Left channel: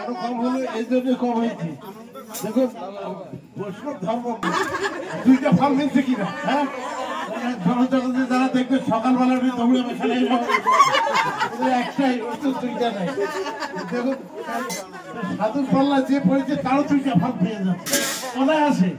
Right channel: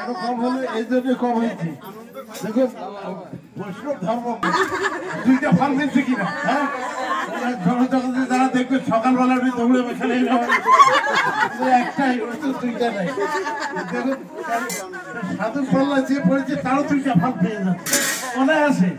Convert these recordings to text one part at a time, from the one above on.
কেন কম হলো? এই জন্য কম হয়েছে। দেখুন বৈষ্ণব ধর্ম দুইটা ফল মিলছে কিনা, হ্যাঁ? জনজগতে যারা দেখবে সকালবেলা দৌড়ে বসালে একটাই, দুইটা নাই। দেখুন সাধু পাল্লা যে পড়েছে তারও দুইটা ফল পেয়ে যাচ্ছে, মনে আছে?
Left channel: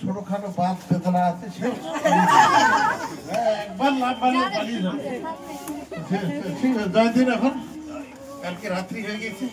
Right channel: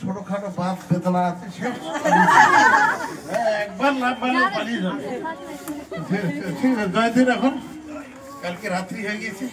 ছোটখাটো বাদ বেদনা আছে, একবার লাভ ভালো পালিয়ে যাবে। জয়দিন এখন কালকে রাত্রি হয়ে গেছে।